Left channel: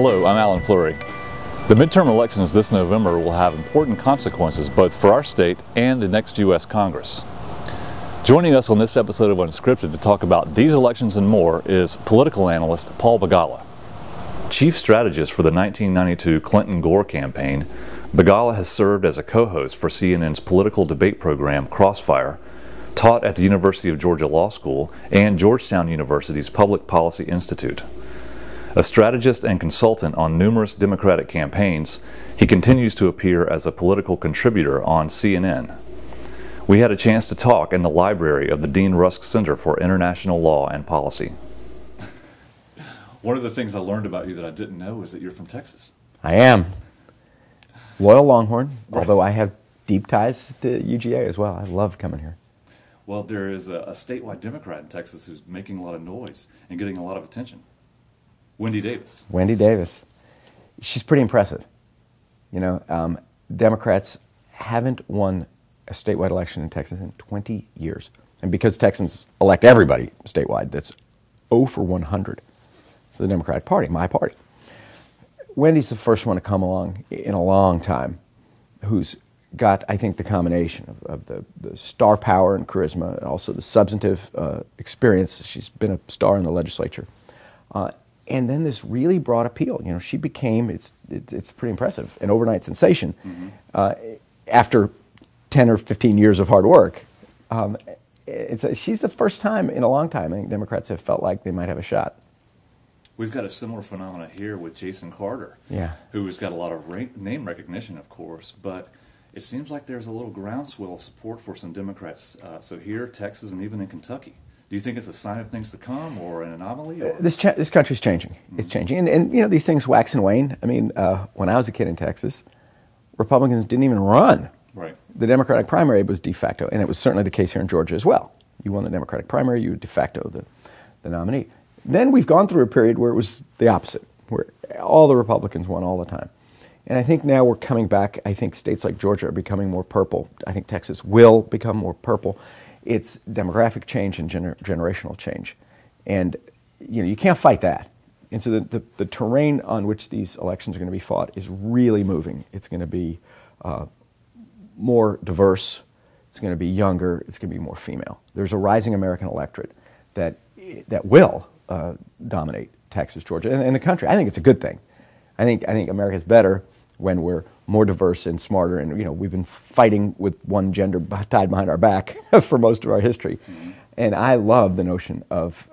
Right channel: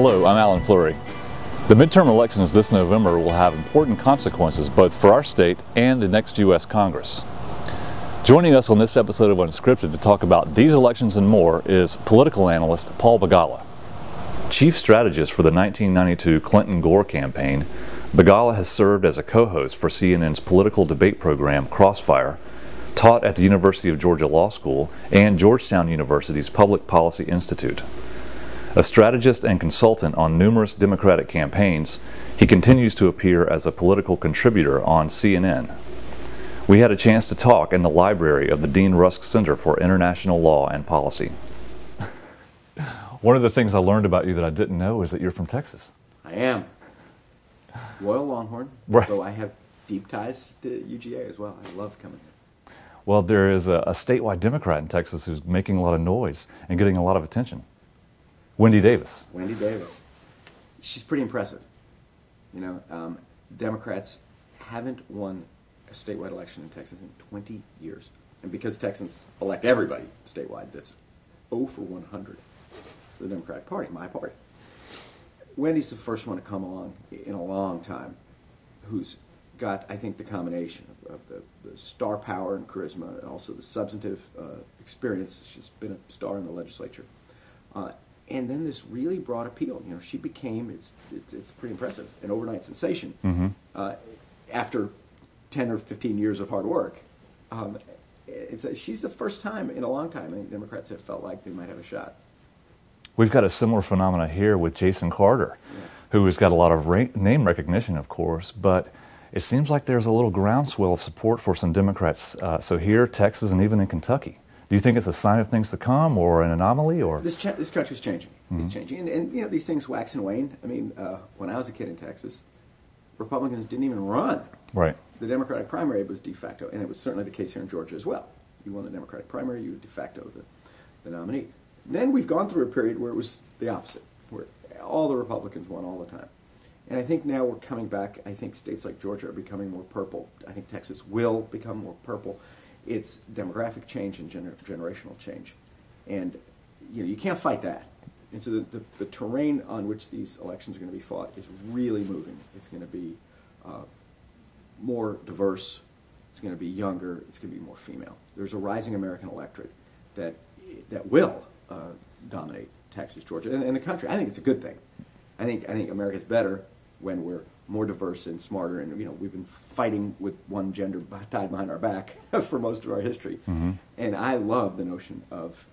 Hello, I'm Alan Flurry. The midterm elections this November will have important consequences both for our state and the next U.S. Congress. Joining us on this episode of Unscripted to talk about these elections and more is political analyst Paul Begala. Chief strategist for the 1992 Clinton-Gore campaign, Begala has served as a co-host for CNN's political debate program Crossfire, taught at the University of Georgia Law School and Georgetown University's Public Policy Institute. A strategist and consultant on numerous Democratic campaigns, he continues to appear as a political contributor on CNN. We had a chance to talk in the library of the Dean Rusk Center for International Law and Policy. One of the things I learned about you that I didn't know is that you're from Texas. I am. Loyal Longhorn, Right. although I have deep ties to UGA as well. I love coming here. Well, there is a statewide Democrat in Texas who's making a lot of noise and getting a lot of attention. Wendy Davis. Wendy Davis. She's pretty impressive. You know, Democrats haven't won a statewide election in Texas in 20 years. And because Texans elect everybody statewide, that's 0 for 100 for the Democratic Party, my party. Wendy's the first one to come along in a long time who's got, I think, the combination of the star power and charisma, and also the substantive experience. She's been a star in the legislature. And then this really broad appeal. You know, she became, it's pretty impressive, an overnight sensation. After 10 or 15 years of hard work. She's the first time in a long time I think Democrats have felt like they might have a shot. We've got a similar phenomena here with Jason Carter, who has got a lot of name recognition, of course, but it seems like there's a little groundswell of support for some Democrats. So here, Texas, and even in Kentucky. Do you think it's a sign of things to come, or an anomaly, or this country's changing? It's changing, and you know, these things wax and wane. I mean, when I was a kid in Texas, Republicans didn't even run. Right. The Democratic primary was de facto, and it was certainly the case here in Georgia as well. You won the Democratic primary, you were de facto the nominee. Then we've gone through a period where it was the opposite, where all the Republicans won all the time. And I think now we're coming back. I think states like Georgia are becoming more purple. I think Texas will become more purple. It's demographic change and generational change. And you know, you can't fight that. And so the terrain on which these elections are going to be fought is really moving. It's going to be more diverse, it's going to be younger, it's going to be more female. There's a rising American electorate that will dominate Texas, Georgia, and the country. I think it's a good thing. I think America's better when we're more diverse and smarter, and you know, we've been fighting with one gender tied behind our back for most of our history. And I love the notion of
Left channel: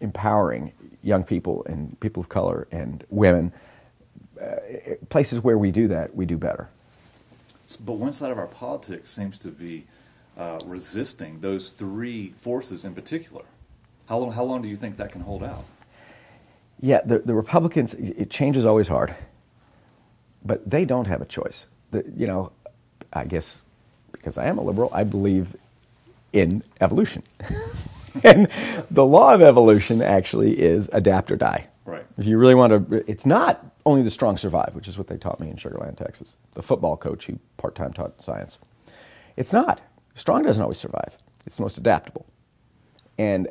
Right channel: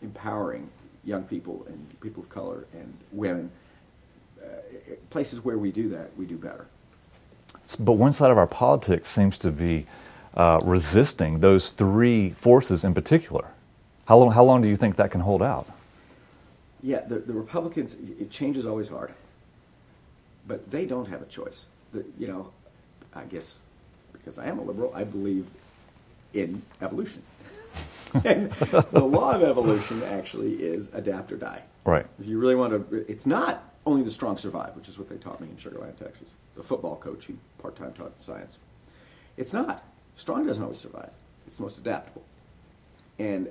empowering young people and people of color and women. Places where we do that, we do better. But one side of our politics seems to be resisting those three forces in particular. How long do you think that can hold out? Yeah, the Republicans, change is always hard, but they don't have a choice. You know, I guess because I am a liberal, I believe in evolution. And the law of evolution actually is adapt or die. Right. If you really want to, it's not only the strong survive, which is what they taught me in Sugar Land, Texas. The football coach who part-time taught science. It's not. Strong doesn't always survive. It's the most adaptable. And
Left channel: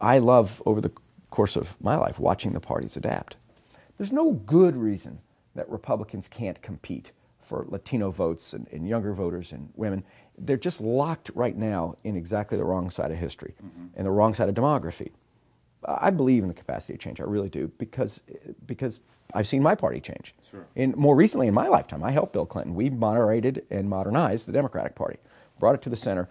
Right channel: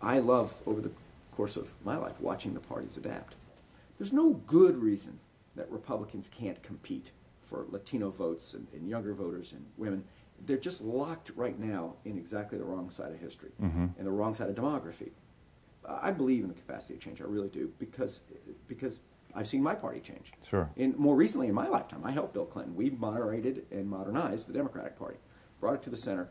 I love, over the course of my life, watching the parties adapt. There's no good reason that Republicans can't compete for Latino votes and younger voters and women. They're just locked right now in exactly the wrong side of history and the wrong side of demography. I believe in the capacity to change. I really do, because I've seen my party change. Sure. More recently in my lifetime, I helped Bill Clinton. We moderated and modernized the Democratic Party, brought it to the center.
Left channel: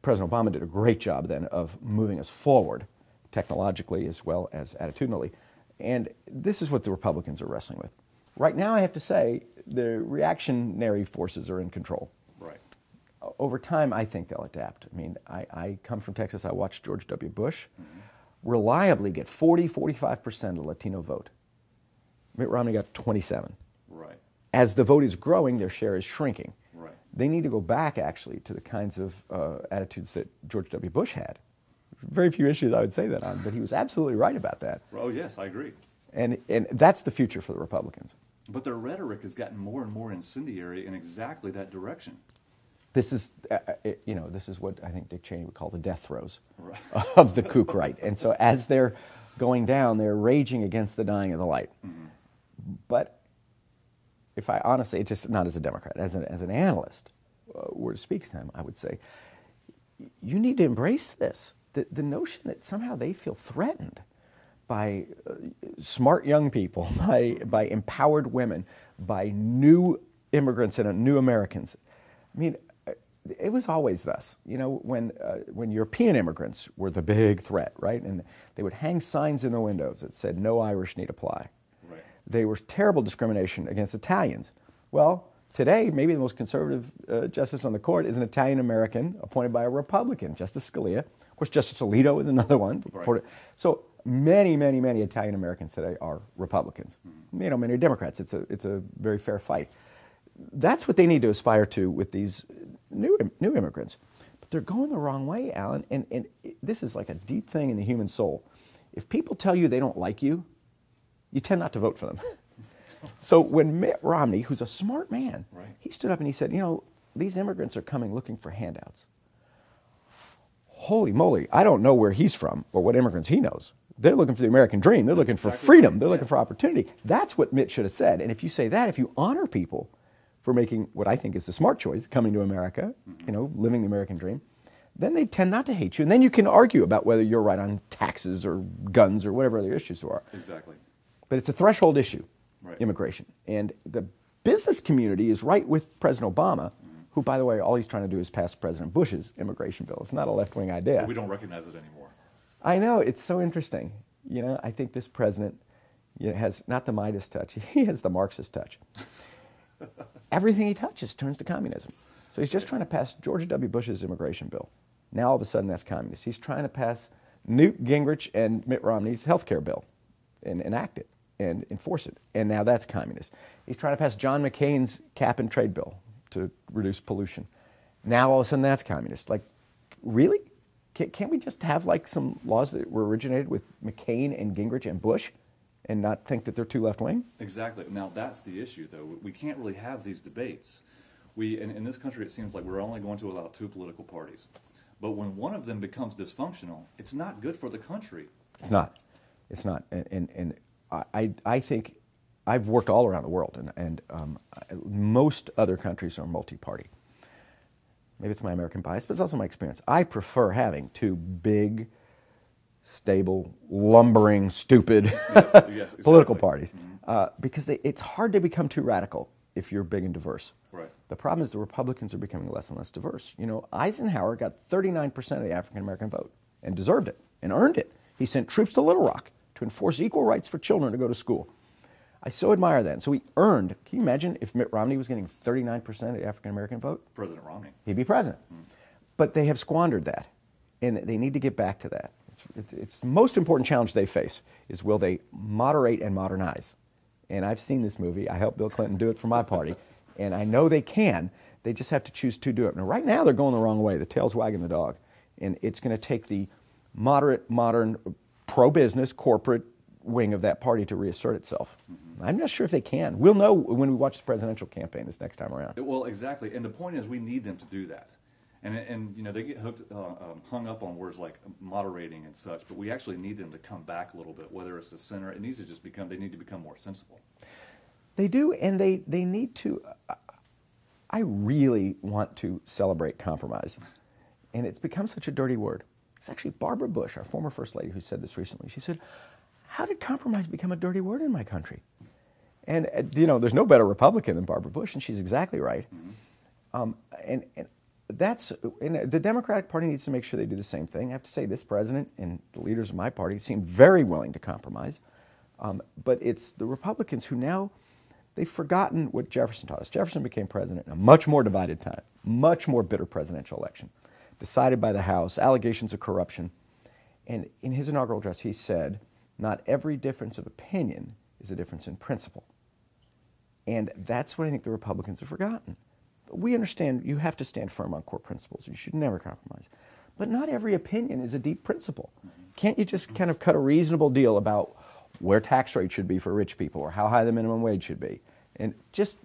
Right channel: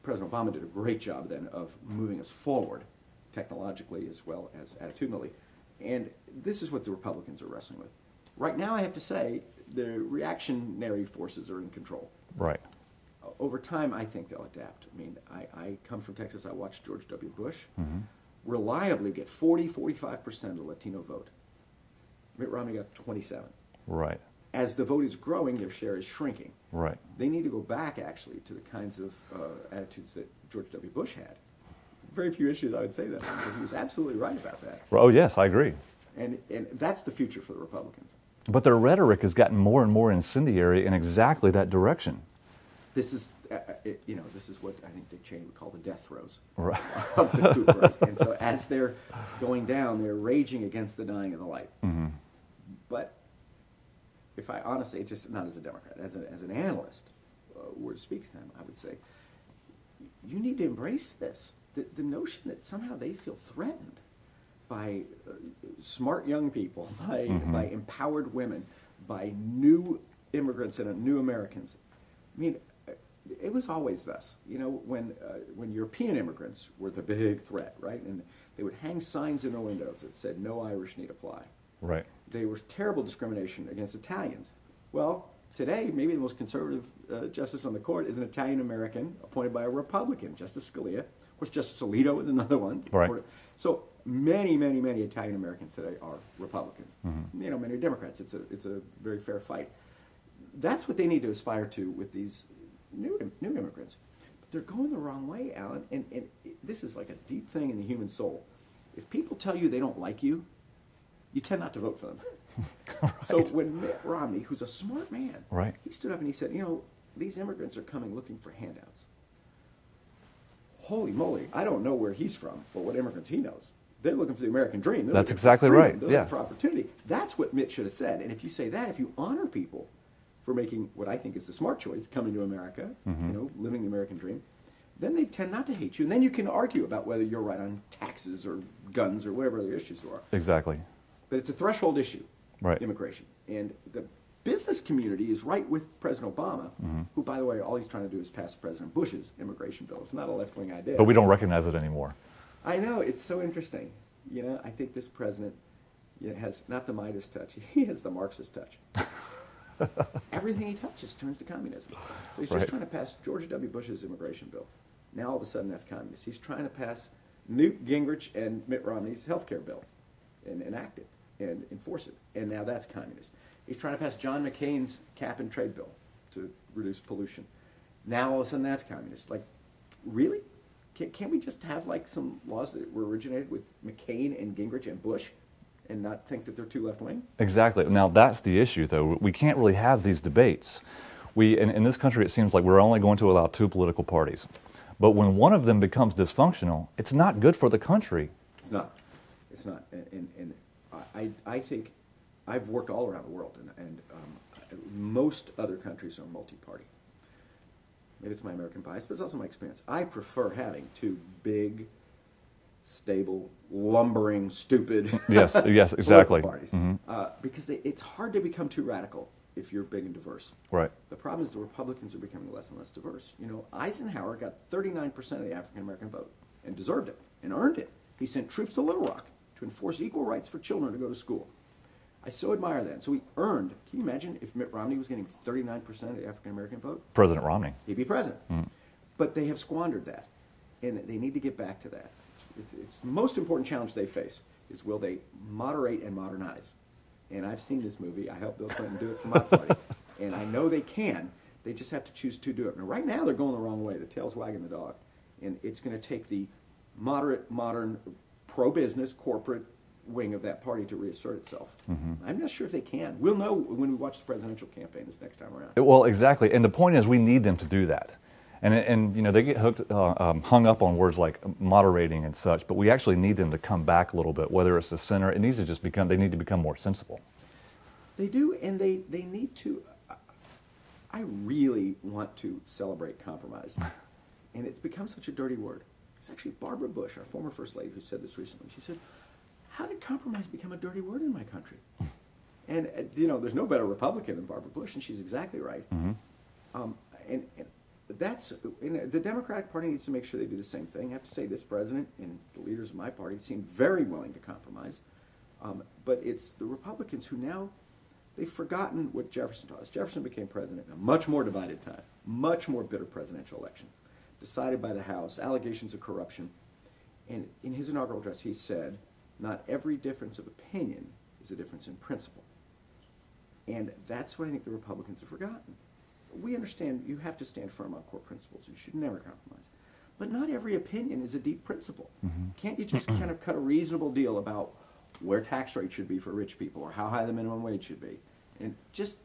President Obama did a great job then of moving us forward, technologically as well as attitudinally. And this is what the Republicans are wrestling with. Right now, I have to say, the reactionary forces are in control. Right. Over time, I think they'll adapt. I mean, I come from Texas. I watched George W. Bush reliably get 40–45% of the Latino vote. Mitt Romney got 27. Right. As the vote is growing, their share is shrinking. Right. They need to go back, actually, to the kinds of attitudes that George W. Bush had. Very few issues I would say that on, but he was absolutely right about that. Oh, yes, I agree. And that's the future for the Republicans. But their rhetoric has gotten more and more incendiary in exactly that direction. This is, you know, this is what I think Dick Cheney would call the death throes right. of the coup, right? And so as they're going down, they're raging against the dying of the light. But if I honestly, just not as a Democrat, as an analyst, were to speak to them, I would say, you need to embrace this. The notion that somehow they feel threatened by smart young people, by empowered women, by new immigrants and new Americans. I mean, it was always thus. You know, when European immigrants were the big threat, right? And they would hang signs in their windows that said, "No Irish need apply." Right. They were terrible discrimination against Italians. Well, today, maybe the most conservative justice on the court is an Italian-American appointed by a Republican, Justice Scalia. Of course, Justice Alito is another one. Right. So many, many, many Italian-Americans today are Republicans. You know, many are Democrats. It's a very fair fight. That's what they need to aspire to with these new immigrants. But they're going the wrong way, Alan, and this is like a deep thing in the human soul. If people tell you they don't like you, you tend not to vote for them. Right. So when Mitt Romney, who's a smart man, right, he stood up and he said, you know, these immigrants are coming looking for handouts. Holy moly, I don't know where he's from or what immigrants he knows. They're looking for the American dream. They're looking for freedom. Right. They're looking for opportunity. That's what Mitt should have said. And if you say that, if you honor people for making what I think is the smart choice, coming to America, you know, living the American dream, then they tend not to hate you. And then you can argue about whether you're right on taxes or guns or whatever other issues there are. Exactly. But it's a threshold issue, right, immigration. And the business community is right with President Obama, who, by the way, all he's trying to do is pass President Bush's immigration bill. It's not a left-wing idea. But we don't recognize it anymore. I know. It's so interesting. You know, I think this president has not the Midas touch. He has the Marxist touch. Everything he touches turns to communism. So he's just trying to pass George W. Bush's immigration bill. Now all of a sudden that's communist. He's trying to pass Newt Gingrich and Mitt Romney's health care bill and enact it and enforce it. And now that's communist. He's trying to pass John McCain's cap and trade bill to reduce pollution. Now all of a sudden that's communist. Like, really? Can't we just have like some laws that were originated with McCain and Gingrich and Bush and not think that they're too left-wing? Exactly. Now that's the issue, though. We can't really have these debates. In this country, it seems like we're only going to allow two political parties. But when one of them becomes dysfunctional, it's not good for the country. It's not. It's not. And I think I've worked all around the world, and most other countries are multi-party. Maybe it's my American bias, but it's also my experience. I prefer having two big, stable, lumbering, stupid yes, exactly. political parties. Because it's hard to become too radical if you're big and diverse. Right. The problem is the Republicans are becoming less and less diverse. You know, Eisenhower got 39% of the African-American vote and deserved it and earned it. He sent troops to Little Rock to enforce equal rights for children to go to school. I so admire that. And so he earned, can you imagine if Mitt Romney was getting 39% of the African-American vote? President Romney. He'd be president. But they have squandered that, and they need to get back to that. It's the most important challenge they face is will they moderate and modernize? And I've seen this movie. I helped Bill Clinton do it for my party. And I know they can. They just have to choose to do it. And right now they're going the wrong way. The tail's wagging the dog. And it's going to take the moderate, modern, pro-business, corporate wing of that party to reassert itself. I'm not sure if they can. We'll know when we watch the presidential campaign this next time around. Well, exactly. And the point is we need them to do that. And you know, they get hung up on words like moderating and such, but we actually need them to come back a little bit, whether it's the center. It needs to just become, they need to become more sensible. They do, and they need to, I really want to celebrate compromise. And it's become such a dirty word. It's actually Barbara Bush, our former First Lady, who said this recently. She said, how did compromise become a dirty word in my country? And, you know, there's no better Republican than Barbara Bush, and she's exactly right. And the Democratic Party needs to make sure they do the same thing. I have to say this president and the leaders of my party seem very willing to compromise. But it's the Republicans who now, they've forgotten what Jefferson taught us. Jefferson became president in a much more divided time, much more bitter presidential election, decided by the House, allegations of corruption. And in his inaugural address, he said, not every difference of opinion is a difference in principle. And that's what I think the Republicans have forgotten. We understand you have to stand firm on core principles. You should never compromise. But not every opinion is a deep principle. Can't you just kind of cut a reasonable deal about where tax rates should be for rich people or how high the minimum wage should be? And just,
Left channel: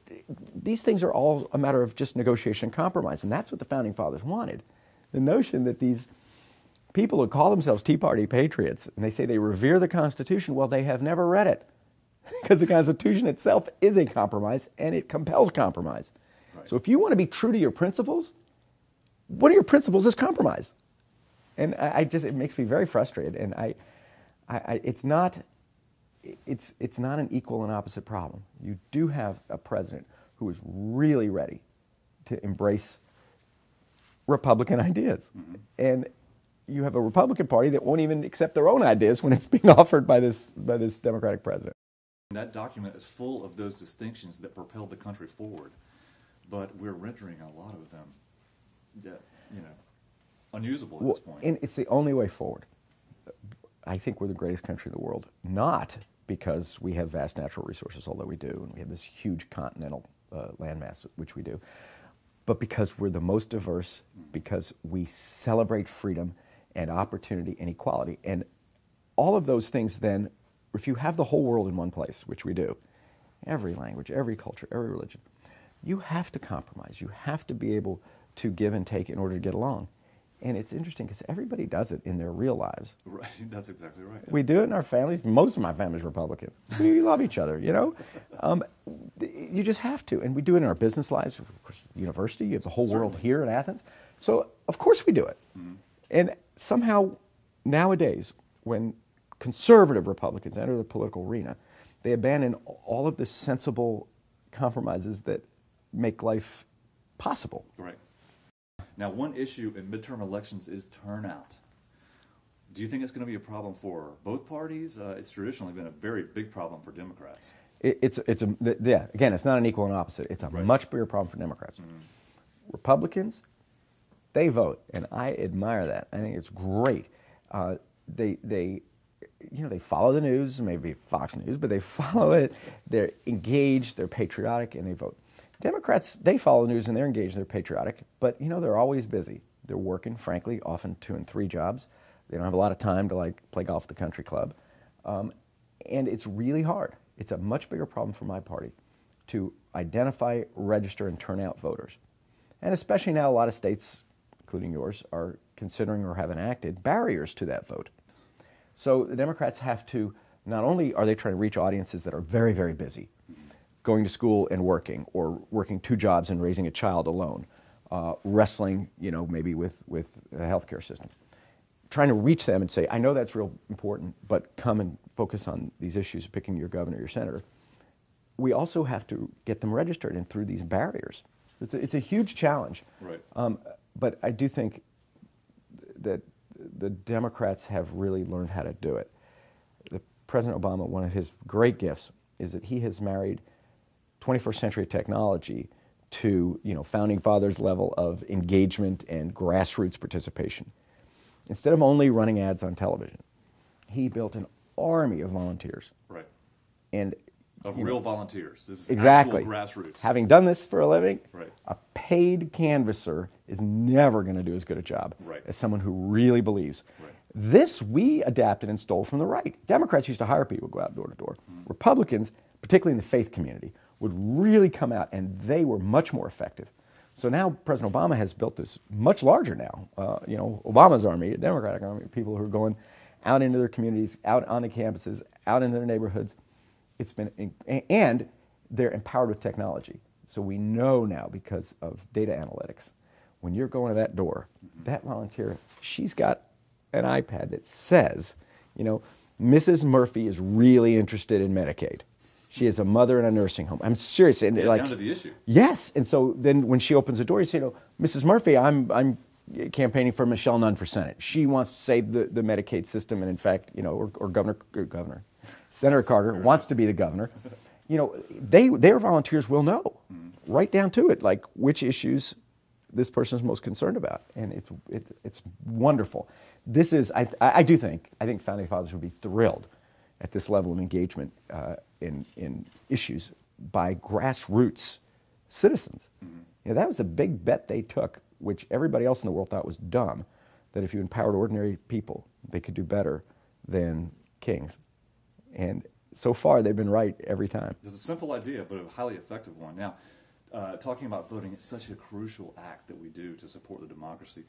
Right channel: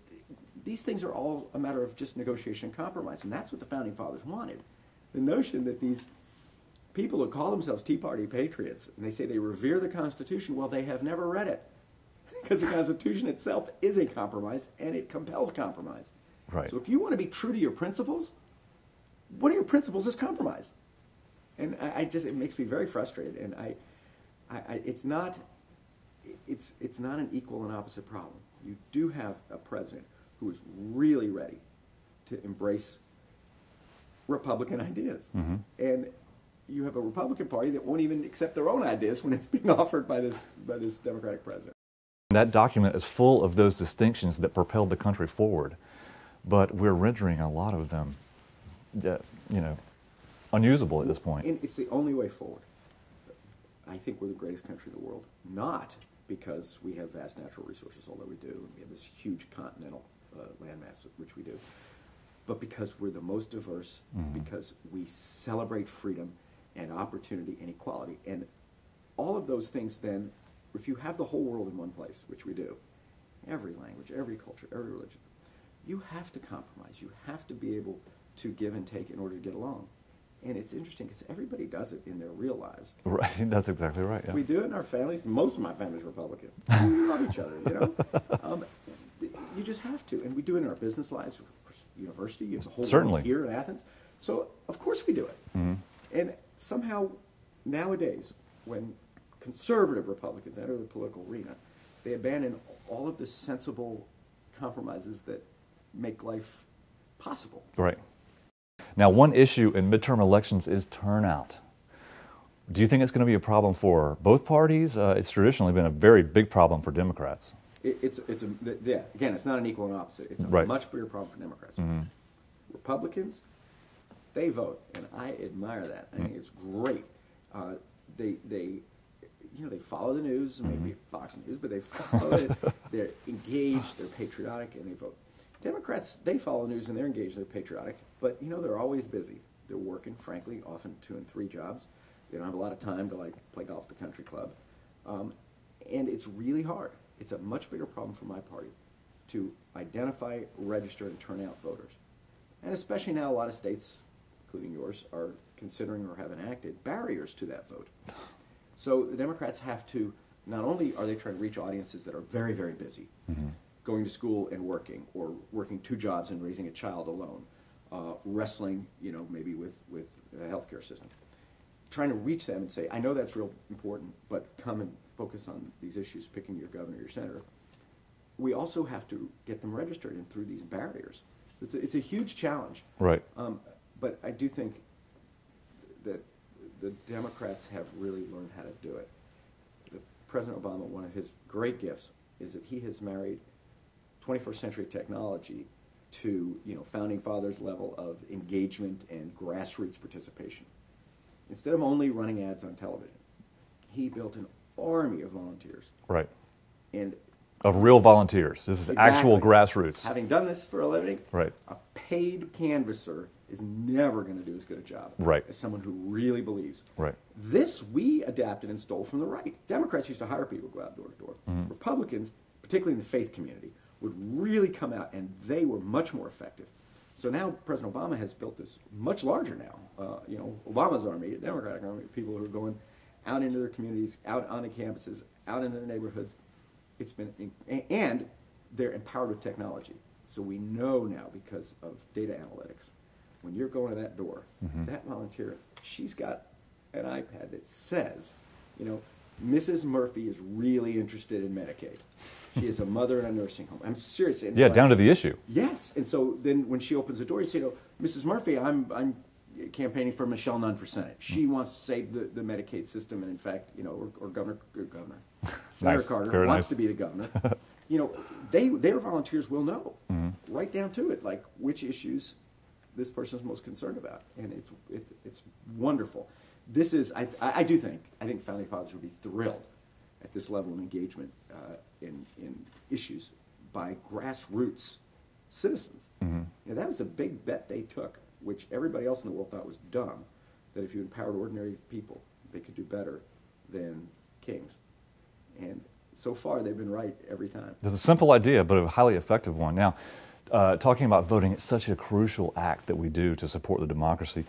these things are all a matter of just negotiation and compromise. And that's what the Founding Fathers wanted. The notion that these people who call themselves Tea Party patriots, and they say they revere the Constitution, well, they have never read it. because the Constitution itself is a compromise, and it compels compromise. Right. So if you want to be true to your principles, one of your principles is compromise. And it makes me very frustrated. And it's not an equal and opposite problem. You do have a president who is really ready to embrace Republican ideas. Mm-hmm. And you have a Republican Party that won't even accept their own ideas when it's being offered by this Democratic president. That document is full of those distinctions that propelled the country forward, but we're rendering a lot of them, unusable at this point. And it's the only way forward. I think we're the greatest country in the world, not because we have vast natural resources, although we do, and we have this huge continental landmass, which we do, but because we're the most diverse, mm-hmm. because we celebrate freedom and opportunity and equality. And all of those things then, if you have the whole world in one place, which we do, every language, every culture, every religion, you have to compromise. You have to be able to give and take in order to get along. And it's interesting because everybody does it in their real lives. Right, that's exactly right. Yeah. We do it in our families. Most of my family's Republican. We love each other, you know. You just have to. And we do it in our business lives. Of course, university, you have the whole world here in Athens. So, of course we do it. Mm-hmm. And somehow, nowadays, when conservative Republicans enter the political arena, they abandon all of the sensible compromises that make life possible. Right. Now, one issue in midterm elections is turnout. Do you think it's going to be a problem for both parties? It's traditionally been a very big problem for Democrats. Again, it's not an equal and opposite. It's a much bigger problem for Democrats. Mm-hmm. Republicans, they vote, and I admire that. I think it's great. They follow the news, maybe Fox News, but they follow it. They're engaged, they're patriotic, and they vote. Democrats, they follow the news and they're engaged, they're patriotic, but they're always busy. They're working, frankly, often 2 and 3 jobs. They don't have a lot of time to play golf at the country club. And it's really hard. It's a much bigger problem for my party to identify, register, and turn out voters. And especially now a lot of states, including yours, are considering or have enacted barriers to that vote. So the Democrats have to, not only are they trying to reach audiences that are very, very busy, mm-hmm. going to school and working, or working 2 jobs and raising a child alone, wrestling, maybe with the healthcare system. Trying to reach them and say, I know that's real important, but come and focus on these issues, picking your governor, your senator. We also have to get them registered and through these barriers. It's a huge challenge. Right. But I do think that the Democrats have really learned how to do it. President Obama, one of his great gifts is that he has married 21st century technology to founding fathers level of engagement and grassroots participation. Instead of only running ads on television, he built an army of volunteers. Right. And of real volunteers. This is exactly. actual grassroots. Having done this for a living, right. a paid canvasser is never going to do as good a job as someone who really believes. Right. This we adapted and stole from the right. Democrats used to hire people to go out door to door. Mm-hmm. Republicans, particularly in the faith community, would really come out, and they were much more effective. So now President Obama has built this much larger now. Obama's army, a Democratic army, people who are going out into their communities, out on the campuses, out in their neighborhoods. And they're empowered with technology. So we know now, because of data analytics, when you're going to that door, mm-hmm. that volunteer, she's got an iPad that says, Mrs. Murphy is really interested in Medicaid. She is a mother in a nursing home. I'm serious. And down to the issue. Yes. And so then when she opens the door, you say, Mrs. Murphy, I'm campaigning for Michelle Nunn for Senate. She wants to save the Medicaid system, and in fact, or Governor Senator Carter wants to be the governor. Their volunteers will know, mm-hmm. right down to it, like which issues this person is most concerned about, and it's wonderful. This is, I think founding fathers would be thrilled at this level of engagement in issues by grassroots citizens. Mm-hmm. That was a big bet they took, which everybody else in the world thought was dumb, that if you empowered ordinary people, they could do better than kings. And so far, they've been right every time. It's a simple idea, but a highly effective one. Now, talking about voting, it's such a crucial act that we do to support the democracy.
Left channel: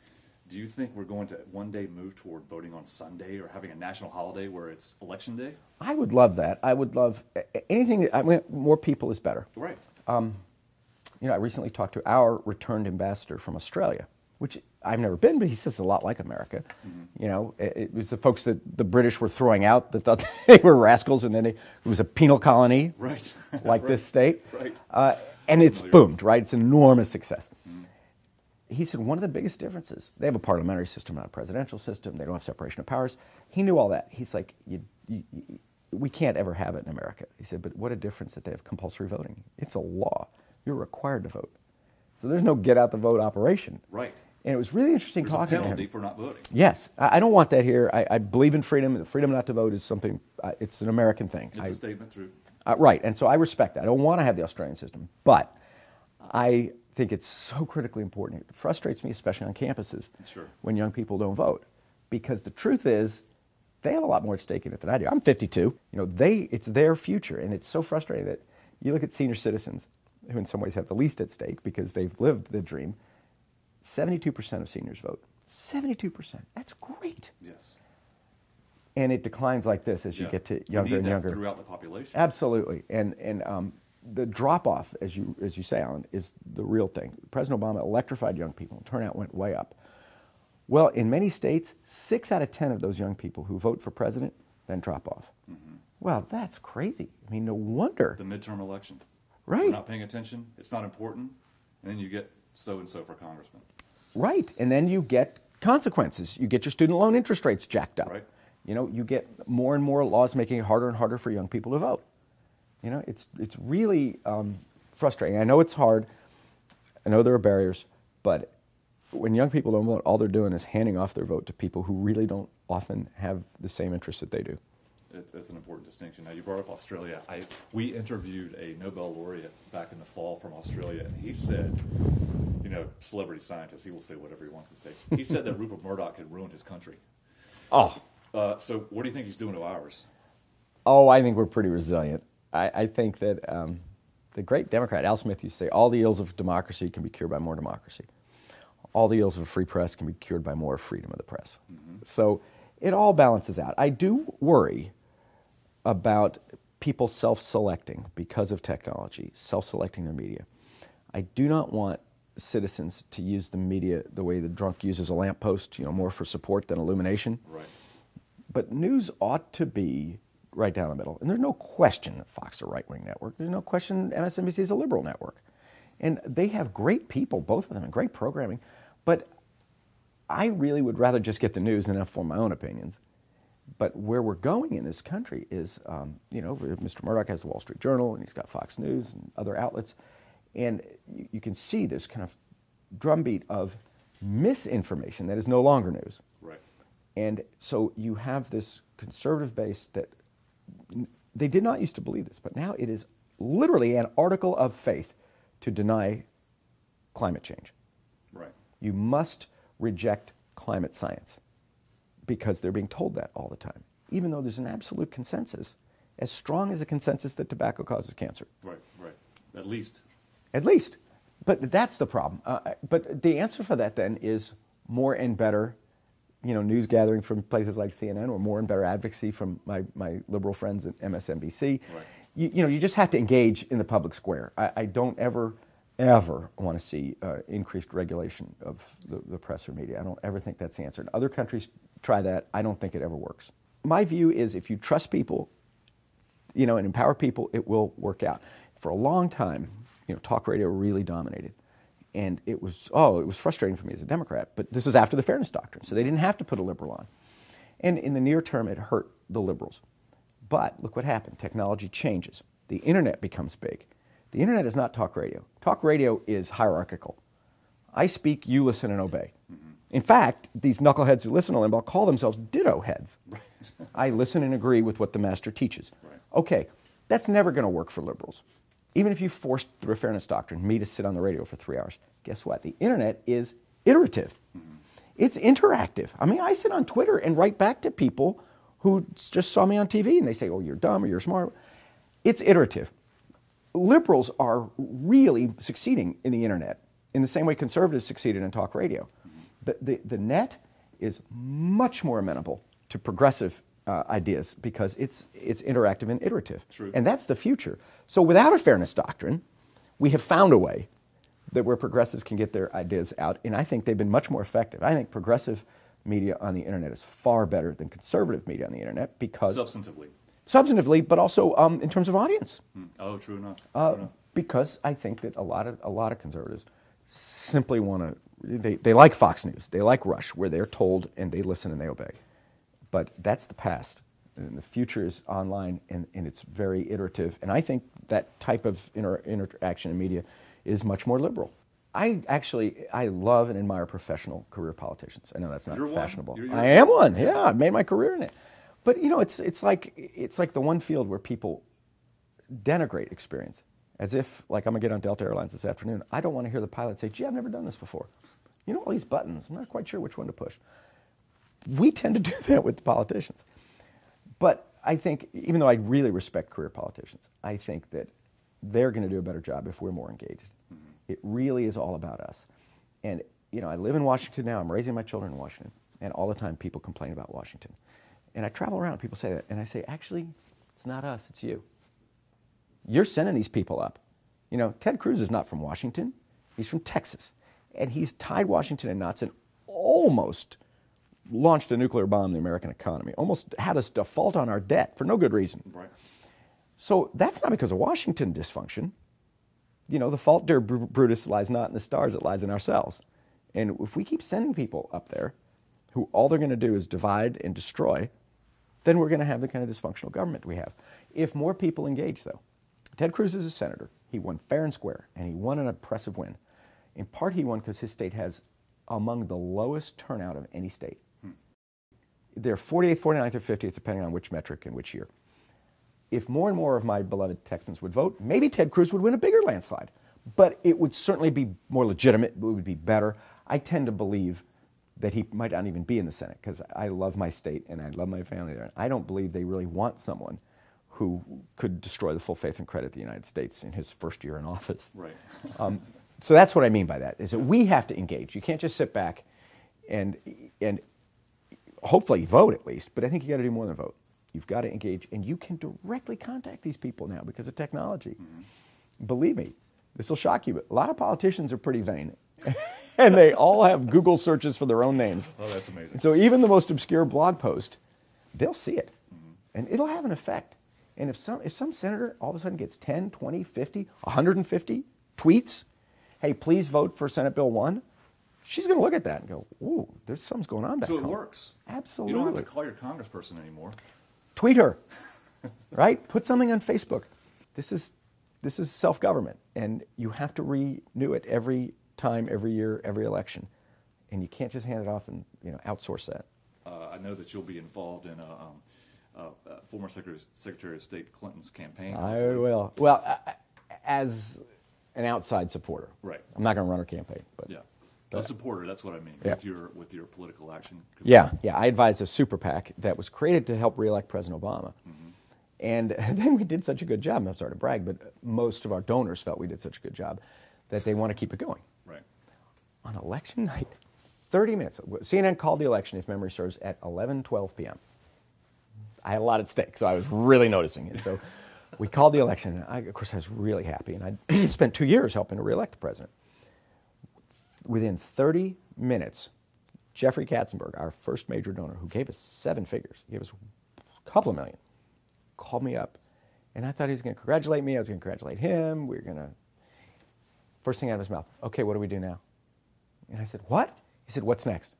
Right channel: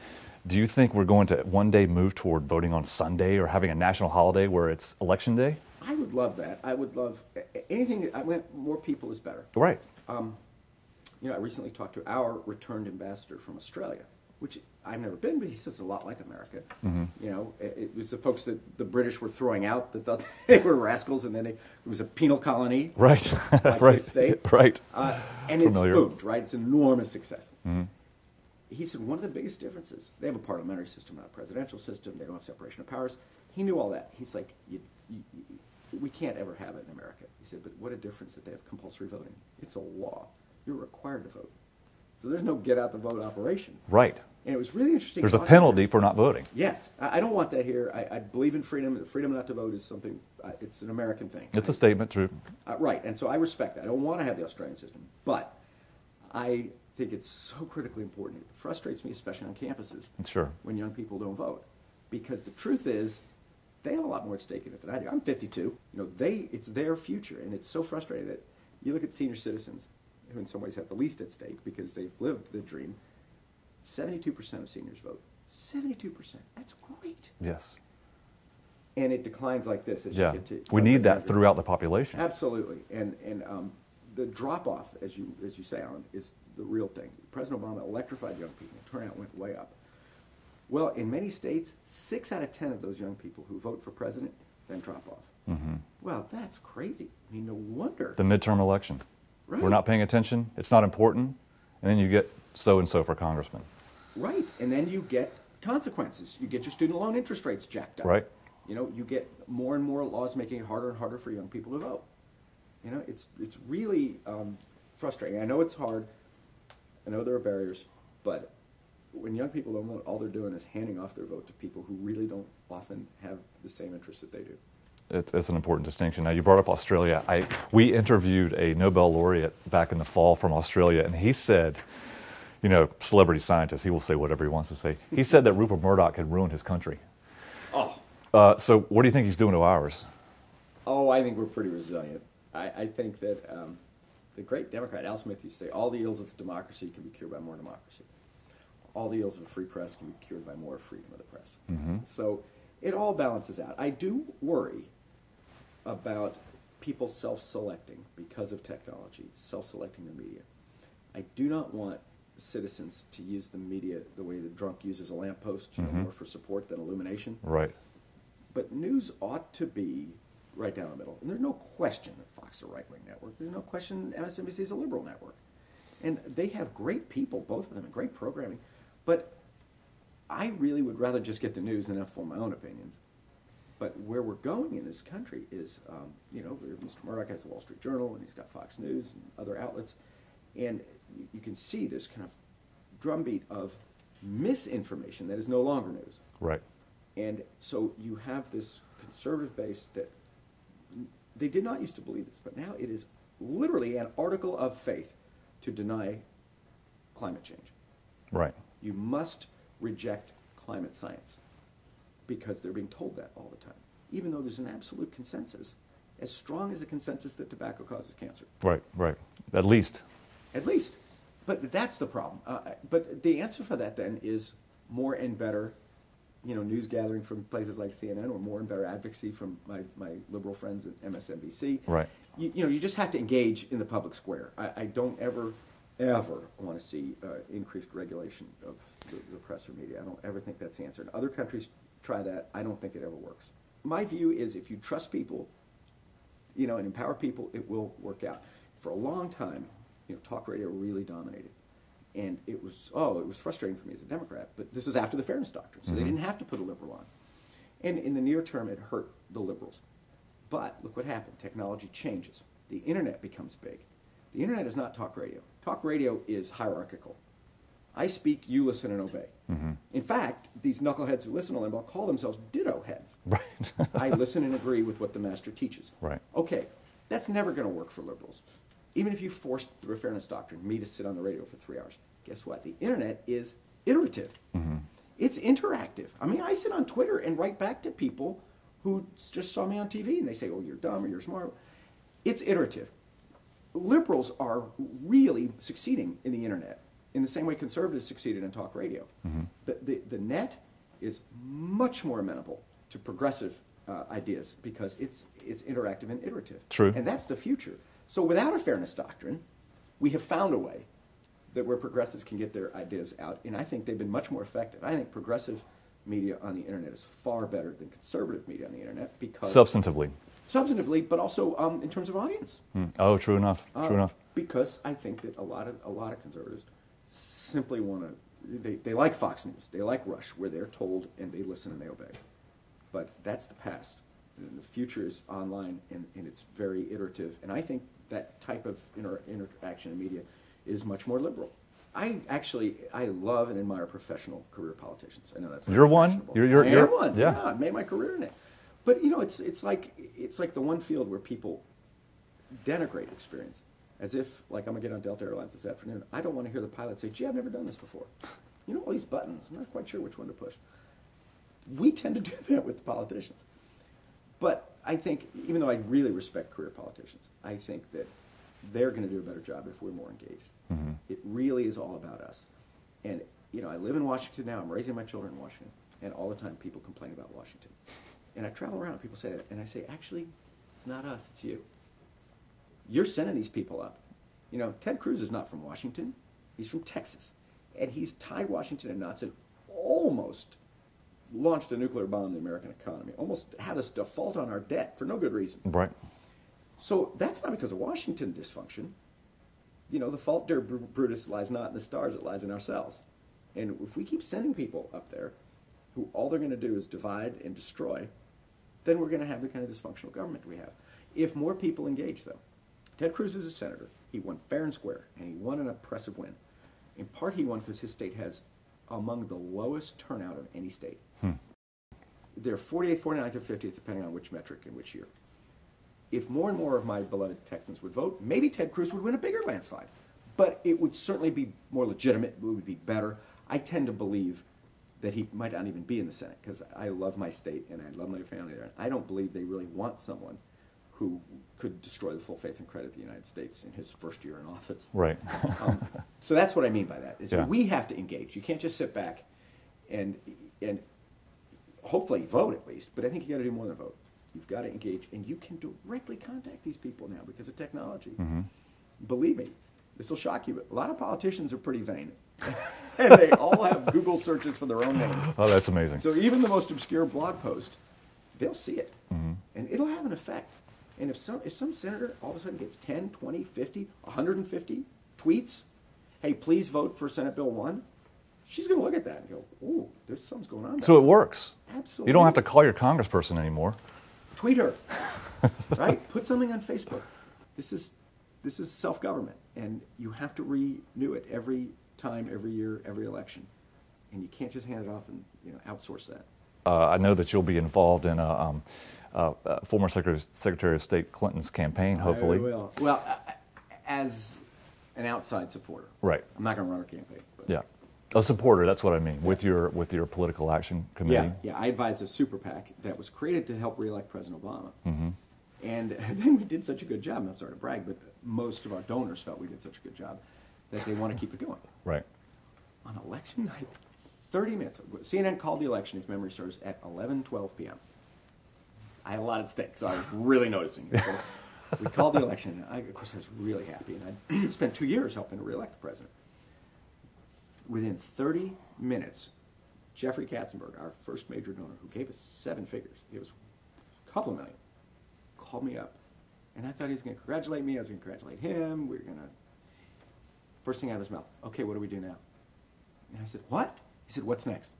Do you think we're going to one day move toward voting on Sunday or having a national holiday where it's election day? I would love that. I would love anything. I mean, more people is better. Right. You know, I recently talked to our returned ambassador from Australia, which I've never been, but he says a lot like America. You know, it was the folks that the British were throwing out that thought they were rascals, and then it was a penal colony, right, like right. this state, right, and it's boomed, right? It's an enormous success. He said one of the biggest differences, they have a parliamentary system, not a presidential system. They don't have separation of powers. He knew all that. He's like, we can't ever have it in America. He said, but what a difference that they have compulsory voting. It's a law. You're required to vote. So there's no get out the vote operation. Right. And it was really interesting. There's a penalty for not voting. Yes. I don't want that here. I believe in freedom. The freedom not to vote is something, it's an American thing. It's a statement, true. Right. And so I respect that. I don't want to have the Australian system. But I think it's so critically important. It frustrates me, especially on campuses, sure, when young people don't vote. Because the truth is, they have a lot more at stake in it than I do. I'm 52. You know, it's their future. And it's so frustrating that you look at senior citizens, who in some ways have the least at stake because they've lived the dream. 72% of seniors vote. 72%. That's great. Yes. And it declines like this as you get to we need that throughout the population. Absolutely. And the drop-off, as you say, Alan, is the real thing. President Obama electrified young people. Turnout went way up. Well, in many states, 6 out of 10 of those young people who vote for president then drop off. Well, that's crazy. I mean, no wonder. The midterm election. Right. We're not paying attention. It's not important. And then you get so-and-so for congressman. Right. And then you get consequences. You get your student loan interest rates jacked up. Right. You know, you get more and more laws making it harder and harder for young people to vote. You know, it's really frustrating. I know it's hard. I know there are barriers. But when young people don't vote, all they're doing is handing off their vote to people who really don't often have the same interests that they do. It's an important distinction. Now, you brought up Australia. We interviewed a Nobel laureate back in the fall from Australia, and he said, you know, celebrity scientist, he will say whatever he wants to say. He said that Rupert Murdoch had ruined his country. Oh. So what do you think he's doing to ours? Oh, I think we're pretty resilient. I think that the great Democrat, Al Smith, used to say, all the ills of democracy can be cured by more democracy. All the ills of a free press can be cured by more freedom of the press. So it all balances out. I do worry about people self-selecting because of technology, self-selecting their media. I do not want citizens to use the media the way the drunk uses a lamppost, you know, more for support than illumination. Right. But news ought to be right down the middle. And there's no question that Fox is a right-wing network. There's no question MSNBC is a liberal network. And they have great people, both of them, and great programming. But I really would rather just get the news and form my own opinions. But where we're going in this country is, you know, Mr. Murdoch has the Wall Street Journal, and he's got Fox News and other outlets. And you can see this kind of drumbeat of misinformation that is no longer news. Right. And so you have this conservative base that they did not used to believe this, but now it is literally an article of faith to deny climate change. Right. You must reject climate science because they're being told that all the time, even though there's an absolute consensus, as strong as a consensus that tobacco causes cancer. Right, right. At least. At least. But that's the problem. But the answer for that then is more and better, you know, news gathering from places like CNN, or more and better advocacy from my liberal friends at MSNBC. Right. You know, you just have to engage in the public square. I don't ever want to see increased regulation of the press or media. I don't ever think that's the answer. Other countries try that. I don't think it ever works. My view is if you trust people, you know, and empower people, it will work out. For a long time, you know, talk radio really dominated. And it was frustrating for me as a Democrat, but this is after the Fairness Doctrine, so they didn't have to put a liberal on. And in the near term, it hurt the liberals. But look what happened. Technology changes. The internet becomes big. The internet is not talk radio. Talk radio is hierarchical. I speak, you listen and obey. In fact, these knuckleheads who listen to Limbaugh call themselves ditto heads. Right. I listen and agree with what the master teaches. Right. Okay, that's never going to work for liberals. Even if you forced through a Fairness Doctrine me to sit on the radio for 3 hours, guess what? The internet is iterative. It's interactive. I mean, I sit on Twitter and write back to people who just saw me on TV and they say, oh, you're dumb or you're smart. It's iterative. Liberals are really succeeding in the internet. in the same way conservatives succeeded in talk radio. The net is much more amenable to progressive ideas because it's interactive and iterative. True. And that's the future. So without a fairness doctrine, we have found a way that where progressives can get their ideas out, and I think they've been much more effective. I think progressive media on the internet is far better than conservative media on the internet because substantively, but also in terms of audience. Oh, true enough. True enough. Because I think that a lot of conservatives simply want to. They like Fox News. They like Rush, where they're told and they listen and they obey. But that's the past. And the future is online, and it's very iterative. And I think that type of interaction in media is much more liberal. I love and admire professional career politicians. I know that's not fashionable. I am one. Yeah, I made my career in it. But you know, it's like the one field where people denigrate experience, as if like I'm gonna get on Delta Airlines this afternoon. I don't want to hear the pilot say, "Gee, I've never done this before. You know all these buttons. I'm not quite sure which one to push." We tend to do that with the politicians. But I think, even though I really respect career politicians, I think that they're going to do a better job if we're more engaged. It really is all about us. And, you know, I live in Washington now. I'm raising my children in Washington. And all the time people complain about Washington. And I travel around and people say that. And I say, actually, it's not us, it's you. You're sending these people up. You know, Ted Cruz is not from Washington. He's from Texas. And he's tied Washington in knots and almost launched a nuclear bomb in the American economy, almost had us default on our debt for no good reason. Right. So that's not because of Washington dysfunction. You know, the fault, dear Brutus, lies not in the stars, it lies in ourselves. And if we keep sending people up there who all they're going to do is divide and destroy, then we're going to have the kind of dysfunctional government we have. If more people engage, though, Ted Cruz is a senator. He won fair and square, and he won an impressive win. In part, he won because his state has among the lowest turnout of any state. They're 48th, 49th, or 50th, depending on which metric and which year. If more and more of my beloved Texans would vote, maybe Ted Cruz would win a bigger landslide. But it would certainly be more legitimate. It would be better. I tend to believe that he might not even be in the Senate because I love my state and I love my family there. I don't believe they really want someone who could destroy the full faith and credit of the United States in his first year in office. Right. So that's what I mean by that, is that we have to engage. You can't just sit back and hopefully vote at least, but I think you got to do more than vote. You've got to engage, and you can directly contact these people now because of technology. Believe me, this will shock you, but a lot of politicians are pretty vain. And they all have Google searches for their own names. Oh, that's amazing. So even the most obscure blog post, they'll see it. And it'll have an effect. And if some senator all of a sudden gets 10, 20, 50, 150 tweets, hey, please vote for Senate Bill 1, she's going to look at that and go, ooh, there's something's going on. So it works. Absolutely. You don't have to call your congressperson anymore. Tweet her, right? Put something on Facebook. This is self-government, and you have to renew it every time, every year, every election, and you can't just hand it off and outsource that. I know that you'll be involved in former Secretary of State Clinton's campaign, hopefully. I will. Well, as an outside supporter. Right. I'm not going to run her campaign. But. Yeah. A supporter, that's what I mean, with your political action committee. Yeah. I advised a super PAC that was created to help reelect President Obama. And then we did such a good job, I'm sorry to brag, but most of our donors felt we did such a good job that they want to keep it going. Right. On election night, 30 minutes. CNN called the election, if memory serves, at 11:12 p.m. I had a lot at stake, so I was really noticing it. So we called the election, and of course I was really happy, and I spent 2 years helping to reelect the president. Within 30 minutes, Jeffrey Katzenberg, our first major donor, who gave us 7 figures, gave us a couple of million, called me up. And I thought he was going to congratulate me. I was going to congratulate him. We were going to, first thing out of his mouth, okay, what do we do now? And I said, what? He said, what's next?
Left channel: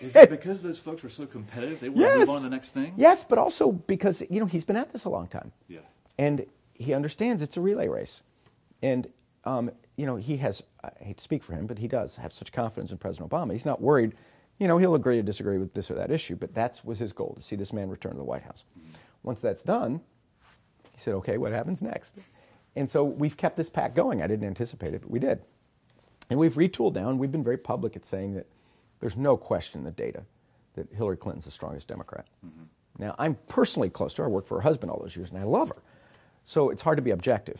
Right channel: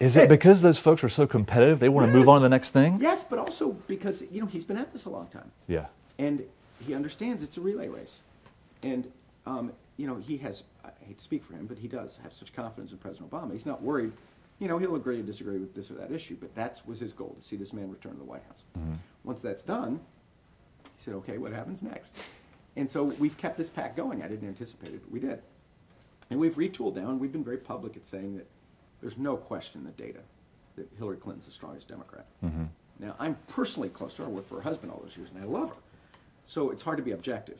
Is it because those folks are so competitive, they want to move on to the next thing? Yes, but also because, he's been at this a long time. Yeah. And he understands it's a relay race. And he has, I hate to speak for him, but he does have such confidence in President Obama. He's not worried, he'll agree to disagree with this or that issue, but that was his goal, to see this man return to the White House. Once that's done, he said, okay, what happens next? And so we've kept this PAC going. I didn't anticipate it, but we did. And we've retooled down. We've been very public at saying that there's no question in the data that Hillary Clinton's the strongest Democrat. Now, I'm personally close to her. I worked for her husband all those years, and I love her. So it's hard to be objective.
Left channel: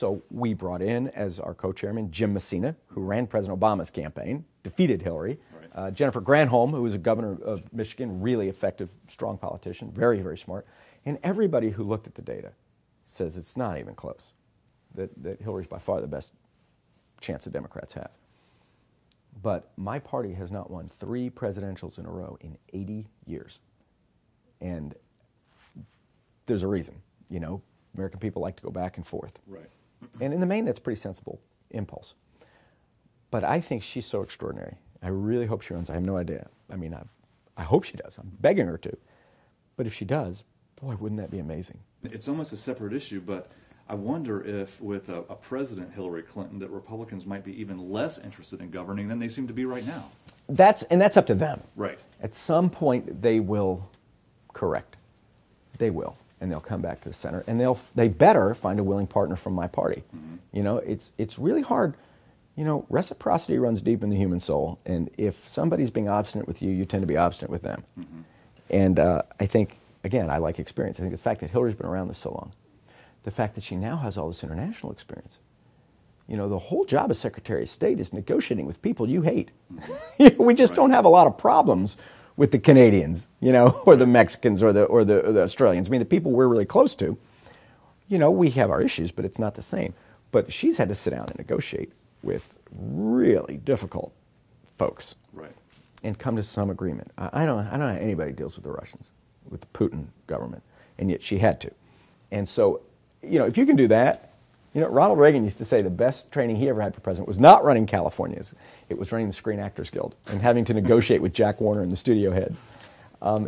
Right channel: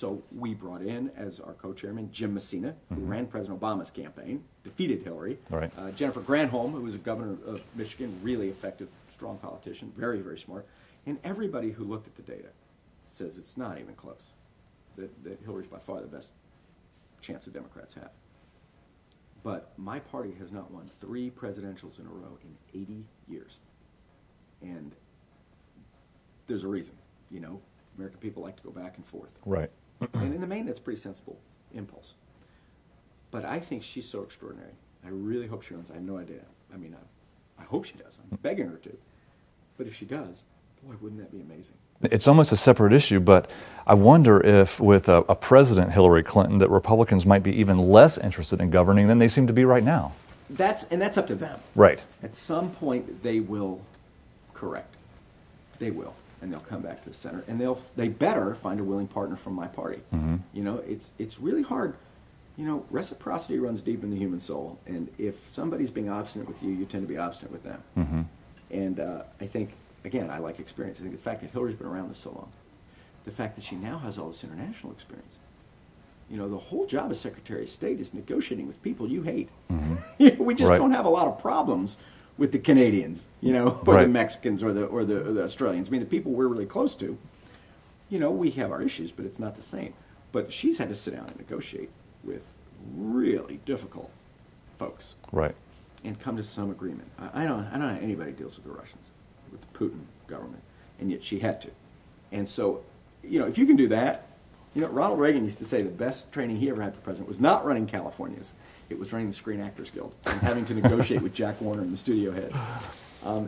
So we brought in as our co-chairman Jim Messina, who ran President Obama's campaign, defeated Hillary. Right. Jennifer Granholm, who was a governor of Michigan, really effective, strong politician, very, very smart. And everybody who looked at the data says it's not even close, that Hillary's by far the best chance the Democrats have. But my party has not won 3 presidentials in a row in 80 years. And there's a reason, you know. American people like to go back and forth. Right. And in the main, that's a pretty sensible impulse. But I think she's so extraordinary. I really hope she runs. I have no idea. I mean, I hope she does. I'm begging her to. But if she does, boy, wouldn't that be amazing? It's almost a separate issue, but I wonder if with a President Hillary Clinton that Republicans might be even less interested in governing than they seem to be right now. That's up to them. Right. At some point, they will correct. They will. And they'll come back to the center, and they better find a willing partner from my party. You know, it's really hard. You know, reciprocity runs deep in the human soul, and if somebody's being obstinate with you, you tend to be obstinate with them. And I think, again, I like experience. I think the fact that Hillary's been around this so long, the fact that she now has all this international experience. You know, the whole job as Secretary of State is negotiating with people you hate. We just don't have a lot of problems with the Canadians, you know, or the Mexicans or the Australians. I mean, the people we're really close to, you know, we have our issues, but it's not the same. But she's had to sit down and negotiate with really difficult folks. Right. And come to some agreement. I don't know how anybody deals with the Russians, with the Putin government, and yet she had to. And so, you know, if you can do that, you know, Ronald Reagan used to say the best training he ever had for president was not running California's. It was running the Screen Actors Guild and having to negotiate with Jack Warner and the studio heads.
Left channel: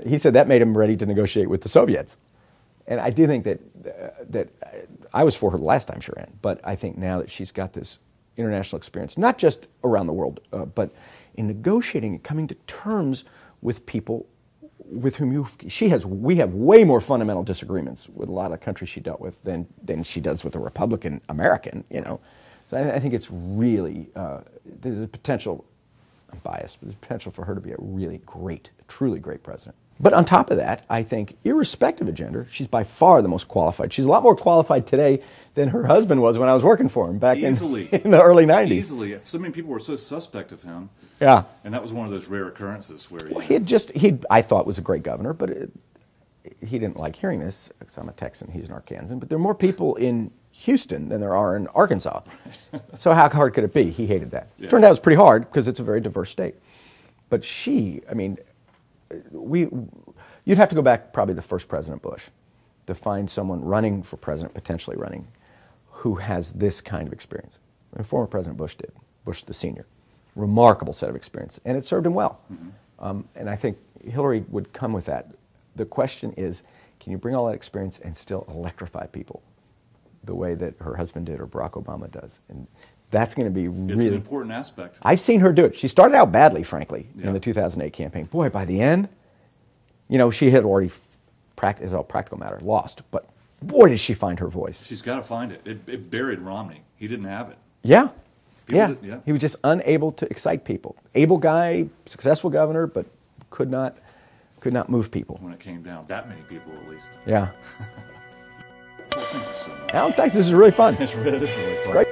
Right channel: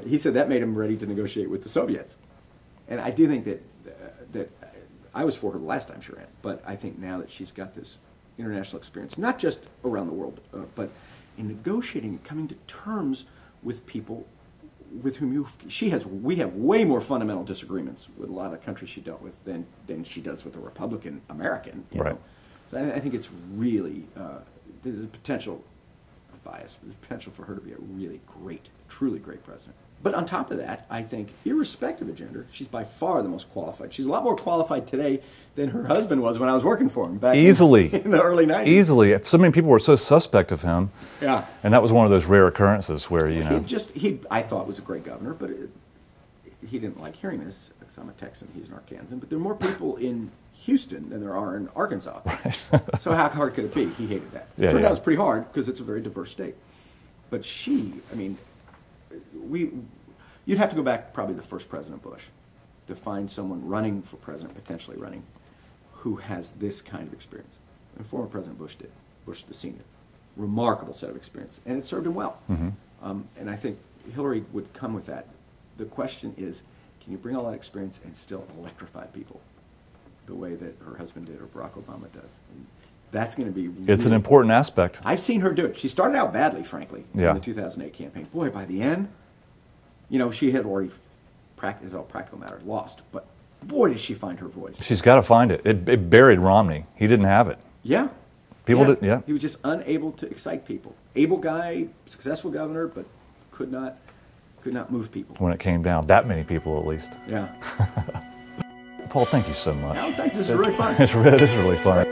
He said that made him ready to negotiate with the Soviets. And I do think that I was for her the last time she ran, but I think now that she's got this international experience, not just around the world, but in negotiating and coming to terms with people with whom we have way more fundamental disagreements with a lot of the countries she dealt with than she does with a Republican American, you know. So I think it's really, there's a potential, I'm biased, but there's potential for her to be a really great, truly great president. But on top of that, I think, irrespective of gender, she's by far the most qualified. She's a lot more qualified today than her husband was when I was working for him back in the early 90s. Easily. So many people were so suspect of him. Yeah. And that was one of those rare occurrences where, you know. He I thought was a great governor, but he didn't like hearing this, because I'm a Texan, he's an Arkansan. But there are more people in Houston than there are in Arkansas. Right. So how hard could it be? He hated that. Yeah, Turned out it was pretty hard, because it's a very diverse state. But I mean, you'd have to go back probably to first President Bush to find someone running for president, potentially running, who has this kind of experience. And former President Bush did, Bush the senior. Remarkable set of experience, and it served him well. And I think Hillary would come with that. The question is, can you bring all that experience and still electrify people the way that her husband did or Barack Obama does? And that's going to be really... It's an important aspect. I've seen her do it. She started out badly, frankly, in the 2008 campaign. Boy, by the end, you know, she had already, as a practical matter, lost. But boy, did she find her voice. She's got to find it. It buried Romney. He didn't have it. Yeah. People He was just unable to excite people. Able guy, successful governor, but could not move people. When it came down, that many people at least. Yeah. Paul, thank you so much. Alan, thanks. This is really fun. It is really fun.